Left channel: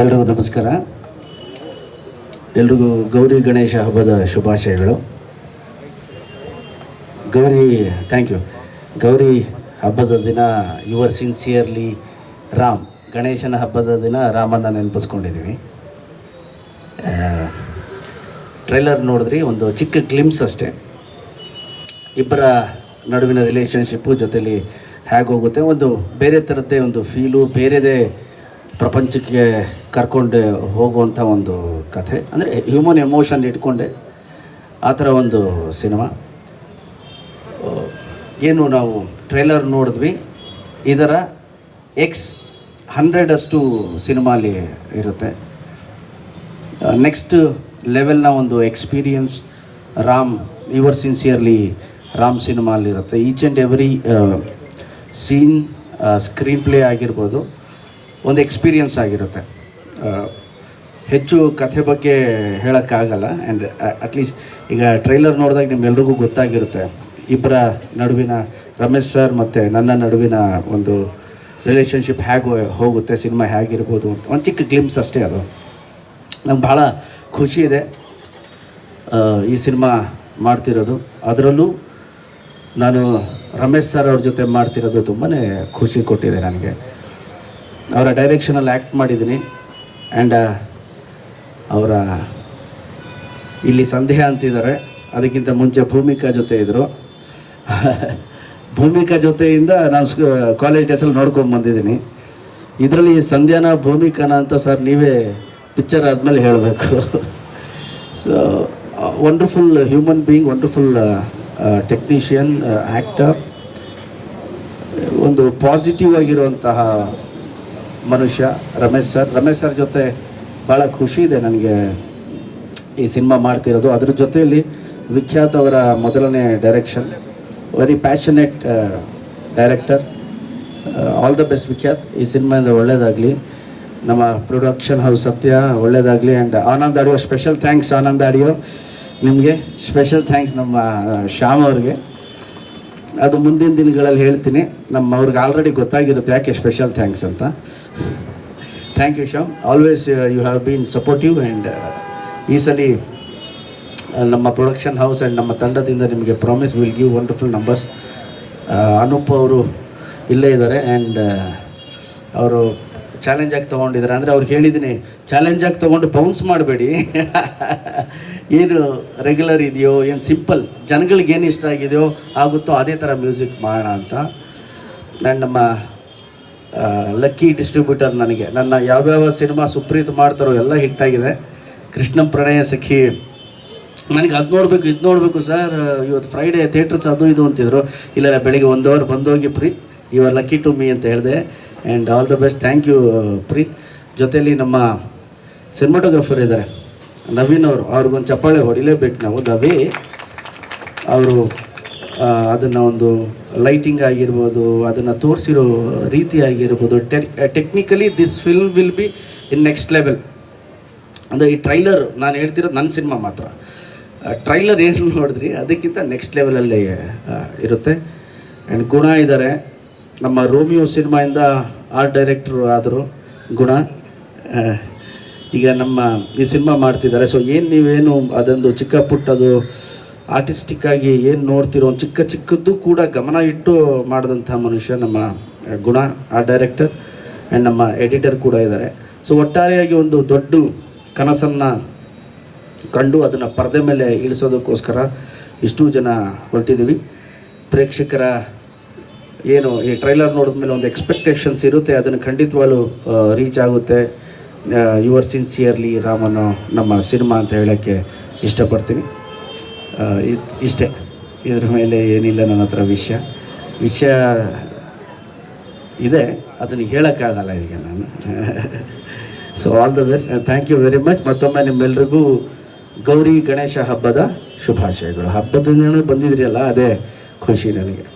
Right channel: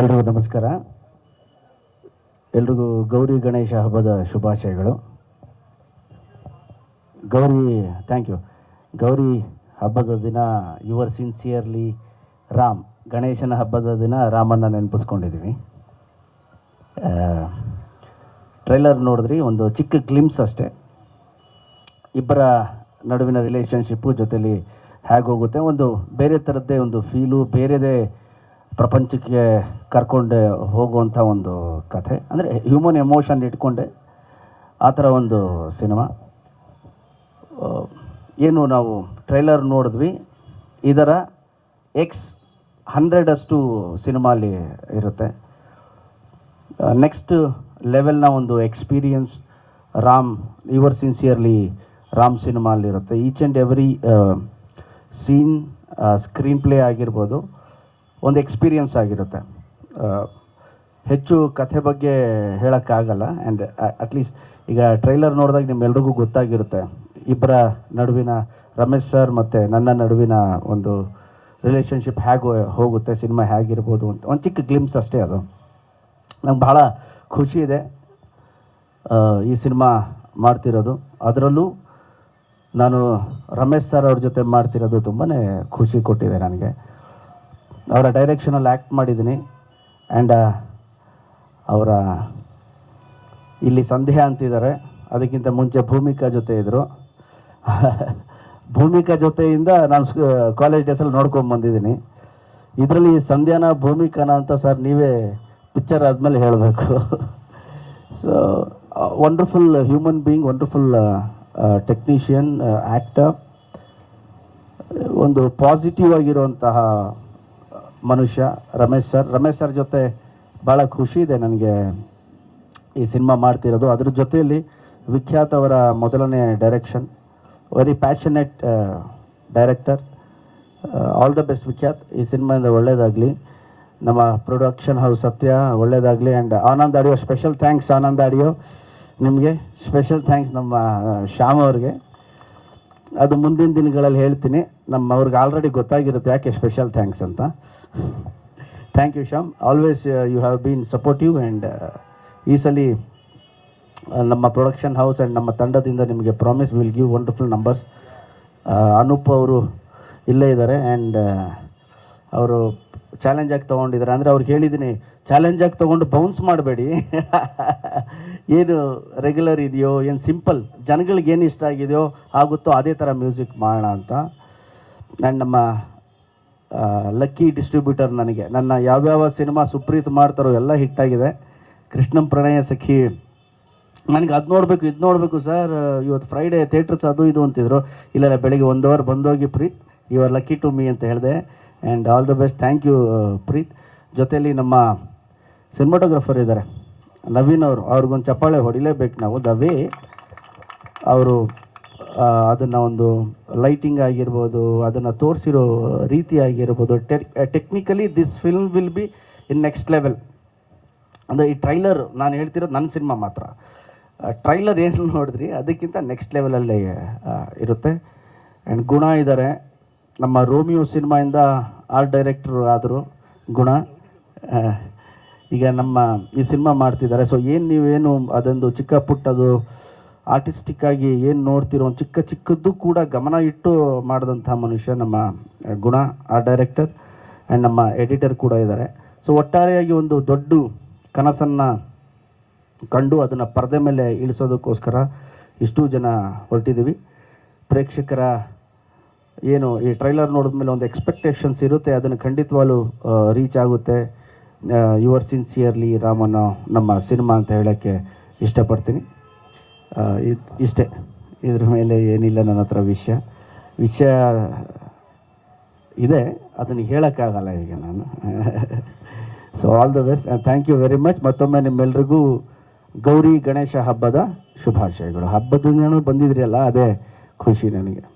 ಎಲ್ರಿಗೂ ನಮಸ್ಕಾರ. ಎಲ್ರಿಗೂ ಗೌರಿ ಗಣೇಶ ಹಬ್ಬದ ಶುಭಾಶಯಗಳು. Thank you. ಗೌರಿ ಹಬ್ಬದ ದಿನ ಯುವರ್ ಸಿನ್ಸಿಯರ್ಲಿ ರಾಮ್. ಗಣೇಶನ ಹಬ್ಬದ ದಿನ ರಾಮನ ನೆನಪಿಸ್ಕೊಂಡಿದ್ದೀವಿ. ಟ್ರೈಲರ್ ನೋಡಿದ್ರಿ, ಒಂದು ಚಿಕ್ಕ ಗ್ಲಿಮ್ಸ್ ಅಷ್ಟೇ. ಇಬ್ಬರ ನಡುವಿನ ರಿಲೇಷನ್ಶಿಪ್ಪು ಜೊತೆಲಿ ಹೇಗೆ ಹೋಗುತ್ತೆ, ಒಂದು ಬೇರೆ ಥರದ್ದೇ ಒಂದು ಫೀಲು, ಬೇರೆದೇ ಪ್ರಪಂಚಕ್ಕೆ ಕರ್ಕೊಂಡು ಹೋಗುವಂಥ ಒಂದು ಕಥೆ. ಅಂದರೆ ಹ್ಯೂಮನ್ ಎಮೋಷನ್ ಇಟ್ಕೊಂಡೆ ಆ ಥರ ಒಂದು ಸಿನಿಮಾ. ಏನು ನಾವು ಟ್ರೈಲರ್ ನೋಡಿದ್ವಿ, ಇದರ X100 ಸಿನಿಮಾಲಿ ಇರುತ್ತೆ. ನೆಕ್ಸ್ಟ್ ಲೆವೆಲ್ನ ಒಂದು experience Ram, your sincerely Ram ಸಿನಿಮಾಲಿರುತ್ತೆ. Each and every scene, screenplay ಆಗಿರ್ಬೋದು, ಒಂದು ಎಕ್ಸ್ಪೀರಿಯನ್ಸ್ ಆಗಿರುತ್ತೆ. ಹೆಚ್ಚು ಕಥೆ ಬಗ್ಗೆ ಹೇಳೋಕ್ಕಾಗಲ್ಲ. ಆ್ಯಂಡ್ ಅಟ್ಲೀಸ್ಟ್ ಈಗ ಟ್ರೈಲರ್ ನೋಡಿದಾಗ ನಿಮ್ಮೆಲ್ರಿಗೂ ಗೊತ್ತಾಗಿರುತ್ತೆ ಇಬ್ಬರ ನಡುವಿನ, ರಮೇಶ್ ಸರ್ ಮತ್ತು ನನ್ನ ನಡುವಿನ ಒಂದು ರಿಲೇಷನ್ಶಿಪ್ ಹೇಗೆ ಹೋಗುತ್ತೆ, ಸಿನಿಮಾ ಹೇಗಿರ್ಬೋದು ಅಂತ ಒಂದು ಚಿಕ್ಕ ಗ್ಲಿಮ್ಸ್ ಅಷ್ಟೇ. ಅದು ನಂಗೆ ಭಾಳ ಖುಷಿ ಇದೆ ಈ ಸಿನಿಮಾ ಮಾಡ್ತಿರೋದು. ಅದರಲ್ಲೂ ನಾನು ರಮೇಶ್ ಸರ್ ಅವ್ರ ಜೊತೆ ಮಾಡ್ತಿರೋದು ತುಂಬಾ ಖುಷಿ ಕೊಟ್ಟಿದೆ ನನಗೆ. ಅವರ ಡೈರೆಕ್ಷನಲ್ಲಿ ಆ್ಯಕ್ಟ್ ಮಾಡಿದ್ದೀನಿ. ಆ್ಯಂಡ್ ಅವರ ಇಲ್ಲಿ ಸಂಧ್ಯಾ ಅಂತಿದ್ದಾರೆ, ಅದಕ್ಕಿಂತ ಮುಂಚೆ ಭೂಮಿಕಾ ಜೊತೆ ಇದ್ದರು. ಭೂಮಿಕಾ ಜೊತೆಯಿಂದ ನಾನು ಕಾಲೇಜ್ ಡೇಸಲ್ಲಿ ನೋಡ್ಕೊಂಡು ಬಂದಿದ್ದೀನಿ. ಇದರಲ್ಲಿ ಸಂಧ್ಯಾನ ಭೂಮಿಕಾನ ಅಂತ ಸರ್ ನೀವೇ ಪಿಕ್ಚರ್ ಆದಮೇಲೆ ಹೇಳಬೇಕು. So wonderful human being, wonderful technician, actor, ಒಂದು ಪಾಸಿಟಿವ್ ಆಗಿರುವಂತಹ ಮನುಷ್ಯ ರಮೇಶ್ ಸರ್ ಜೊತೆ ಭಾಳ ಖುಷಿ ಇದೆ ನನಗೆ ಈ ಸಿನಿಮಾ ಮಾಡ್ತಿರೋದು. ಅದ್ರ ಜೊತೆಯಲ್ಲಿ ವಿಖ್ಯಾತ್ ಅವರ ಮೊದಲನೇ direction, very passionate director. All the best Vikhyath. ಈ ಸಿನಿಮಾಯಿಂದ ಒಳ್ಳೆಯದಾಗಲಿ, ನಮ್ಮ ಪ್ರೊಡಕ್ಷನ್ ಹೌಸ್ ಸತ್ಯ ಒಳ್ಳೆಯದಾಗಲಿ. And Anand audio, special thanks Anand audio ನಿಮಗೆ. ಸ್ಪೆಷಲ್ ಥ್ಯಾಂಕ್ಸ್ ನಮ್ಮ ಶ್ಯಾಮ್ ಅವ್ರಿಗೆ. ಅದು ಮುಂದಿನ ದಿನಗಳಲ್ಲಿ ಹೇಳ್ತೀನಿ. ಅವ್ರಿಗೆ ಆಲ್ರೆಡಿ ಗೊತ್ತಾಗಿರುತ್ತೆ ಯಾಕೆ ಸ್ಪೆಷಲ್ ಥ್ಯಾಂಕ್ಸ್ ಅಂತ. Thank you Shyam, always you have been supportive. And ಈ ಸಲ ನಮ್ಮ ಪ್ರೊಡಕ್ಷನ್ ಹೌಸ್ ಆ್ಯಂಡ್ ನಮ್ಮ ತಂಡದಿಂದ ನಿಮಗೆ promise will give wonderful numbers. Anoop ಅವರು ಇಲ್ಲೇ ಇದ್ದಾರೆ. ಆ್ಯಂಡ್ ಅವರು ಚಾಲೆಂಜಾಗಿ ತೊಗೊಂಡಿದ್ದಾರೆ. ಅಂದರೆ ಅವ್ರಿಗೆ ಹೇಳಿದ್ದೀನಿ, ಚಾಲೆಂಜಾಗಿ ತೊಗೊಂಡು ಬೌನ್ಸ್ ಮಾಡಬೇಡಿ, ಏನು ರೆಗ್ಯುಲರ್ ಇದೆಯೋ, ಏನು ಸಿಂಪಲ್ ಜನಗಳಿಗೆ ಏನು ಇಷ್ಟ ಆಗಿದೆಯೋ ಆಗುತ್ತೋ ಅದೇ ಥರ ಮ್ಯೂಸಿಕ್ ಮಾಡೋಣ ಅಂತ. ಆ್ಯಂಡ್ ನಮ್ಮ ಲಕ್ಕಿ ಡಿಸ್ಟ್ರಿಬ್ಯೂಟರ್, ನನ್ನ ಯಾವ್ಯಾವ ಸಿನಿಮಾ ಸುಪ್ರೀತ್ ಮಾಡ್ತಾರೋ ಎಲ್ಲ ಹಿಟ್ಟಾಗಿದೆ. ಕೃಷ್ಣಂ ಪ್ರಣಯ ಸಖಿ, ನನಗೆ ಅದು ನೋಡಬೇಕು ಇದು ನೋಡಬೇಕು ಸರ್, ಇವತ್ತು ಫ್ರೈಡೇ ಥಿಯೇಟರ್ಸ್ ಅದು ಇದು ಅಂತಿದ್ರು. ಇಲ್ಲ ಬೆಳಿಗ್ಗೆ 1 ಅವರ್ ಬಂದೋಗಿ Preeth, you are lucky to me ಅಂತ ಹೇಳಿದೆ. And all the best. Thank you Preeth. ಜೊತೆಲಿ ನಮ್ಮ ಸಿನಿಮಾಟೋಗ್ರಫರ್ ಇದ್ದಾರೆ ನವೀನ್ ಅವರು, ಅವ್ರಿಗೊಂದು ಚಪ್ಪಾಳೆ ಹೊಡಿಲೇಬೇಕು ನಾವು. ದವೇ ಅವರು ಅದನ್ನು ಒಂದು ಲೈಟಿಂಗ್ ಆಗಿರ್ಬೋದು, ಅದನ್ನು ತೋರಿಸಿರೋ ರೀತಿ ಆಗಿರ್ಬೋದು, technically this film will be in next level. ಅಂದರೆ ಈ ಟ್ರೈಲರ್ ನಾನು ಹೇಳ್ತಿರೋದು ನನ್ನ ಸಿನಿಮಾ ಮಾತ್ರ. ಟ್ರೈಲರ್ ಏನು ನೋಡಿದ್ರಿ ಅದಕ್ಕಿಂತ ನೆಕ್ಸ್ಟ್ ಲೆವೆಲಲ್ಲಿ ಇರುತ್ತೆ. ಆ್ಯಂಡ್ ಗುಣ ಇದ್ದಾರೆ, ನಮ್ಮ ರೋಮಿಯೋ ಸಿನಿಮಾಯಿಂದ ಆರ್ಟ್ ಡೈರೆಕ್ಟ್ರು ಆದರು ಗುಣ. ಈಗ ನಮ್ಮ ಈ ಸಿನಿಮಾ ಮಾಡ್ತಿದ್ದಾರೆ. ಸೊ ನೀವೇನು ಅದೊಂದು ಚಿಕ್ಕ ಪುಟ್ಟದು ಆರ್ಟಿಸ್ಟಿಕ್ಕಾಗಿ ಏನು ನೋಡ್ತಿರೋ ಒಂದು ಚಿಕ್ಕದ್ದು ಕೂಡ ಗಮನ ಇಟ್ಟು ಮಾಡಿದಂಥ ಮನುಷ್ಯ ನಮ್ಮ ಗುಣ, ಆರ್ಟ್ ಡೈರೆಕ್ಟರ್. ಆ್ಯಂಡ್ ನಮ್ಮ ಎಡಿಟರ್ ಕೂಡ ಇದ್ದಾರೆ. ಸೊ ಒಟ್ಟಾರೆಯಾಗಿ ಒಂದು ದೊಡ್ಡ ಕನಸನ್ನು ಕಂಡು ಅದನ್ನು ಪರದೆ ಮೇಲೆ ಇಳಿಸೋದಕ್ಕೋಸ್ಕರ ಇಷ್ಟು ಜನ ಹೊರಟಿದ್ದೀವಿ. ಪ್ರೇಕ್ಷಕರ ಏನು ಈ ಟ್ರೈಲರ್ ನೋಡಿದ್ಮೇಲೆ ಒಂದು ಎಕ್ಸ್ಪೆಕ್ಟೇಷನ್ಸ್ ಇರುತ್ತೆ, ಅದನ್ನು ಖಂಡಿತವಾಗ್ಲೂ ರೀಚ್ ಆಗುತ್ತೆ. ಯುವರ್ ಸಿನ್ಸಿಯರ್ಲಿ ರಾಮನ ನಮ್ಮ ಸಿನಿಮಾ ಅಂತ ಹೇಳೋಕ್ಕೆ ಇಷ್ಟಪಡ್ತೀನಿ. ಇಷ್ಟೇ, ಇದ್ರ ಮೇಲೆ ಏನಿಲ್ಲ ನನ್ನ ಹತ್ರ ವಿಷಯ ಇದೆ, ಅದನ್ನು ಹೇಳೋಕ್ಕಾಗಲ್ಲ ಈಗ ನಾನು. So all the best, thank you very much. ಮತ್ತೊಮ್ಮೆ ನಿಮ್ಮೆಲ್ರಿಗೂ ಗೌರಿ ಗಣೇಶ ಹಬ್ಬದ ಶುಭಾಶಯಗಳು. ಹಬ್ಬದಿಂದನೇ ಬಂದಿದ್ರಿ ಅಲ್ಲ, ಅದೇ ಖುಷಿ ನನಗೆ.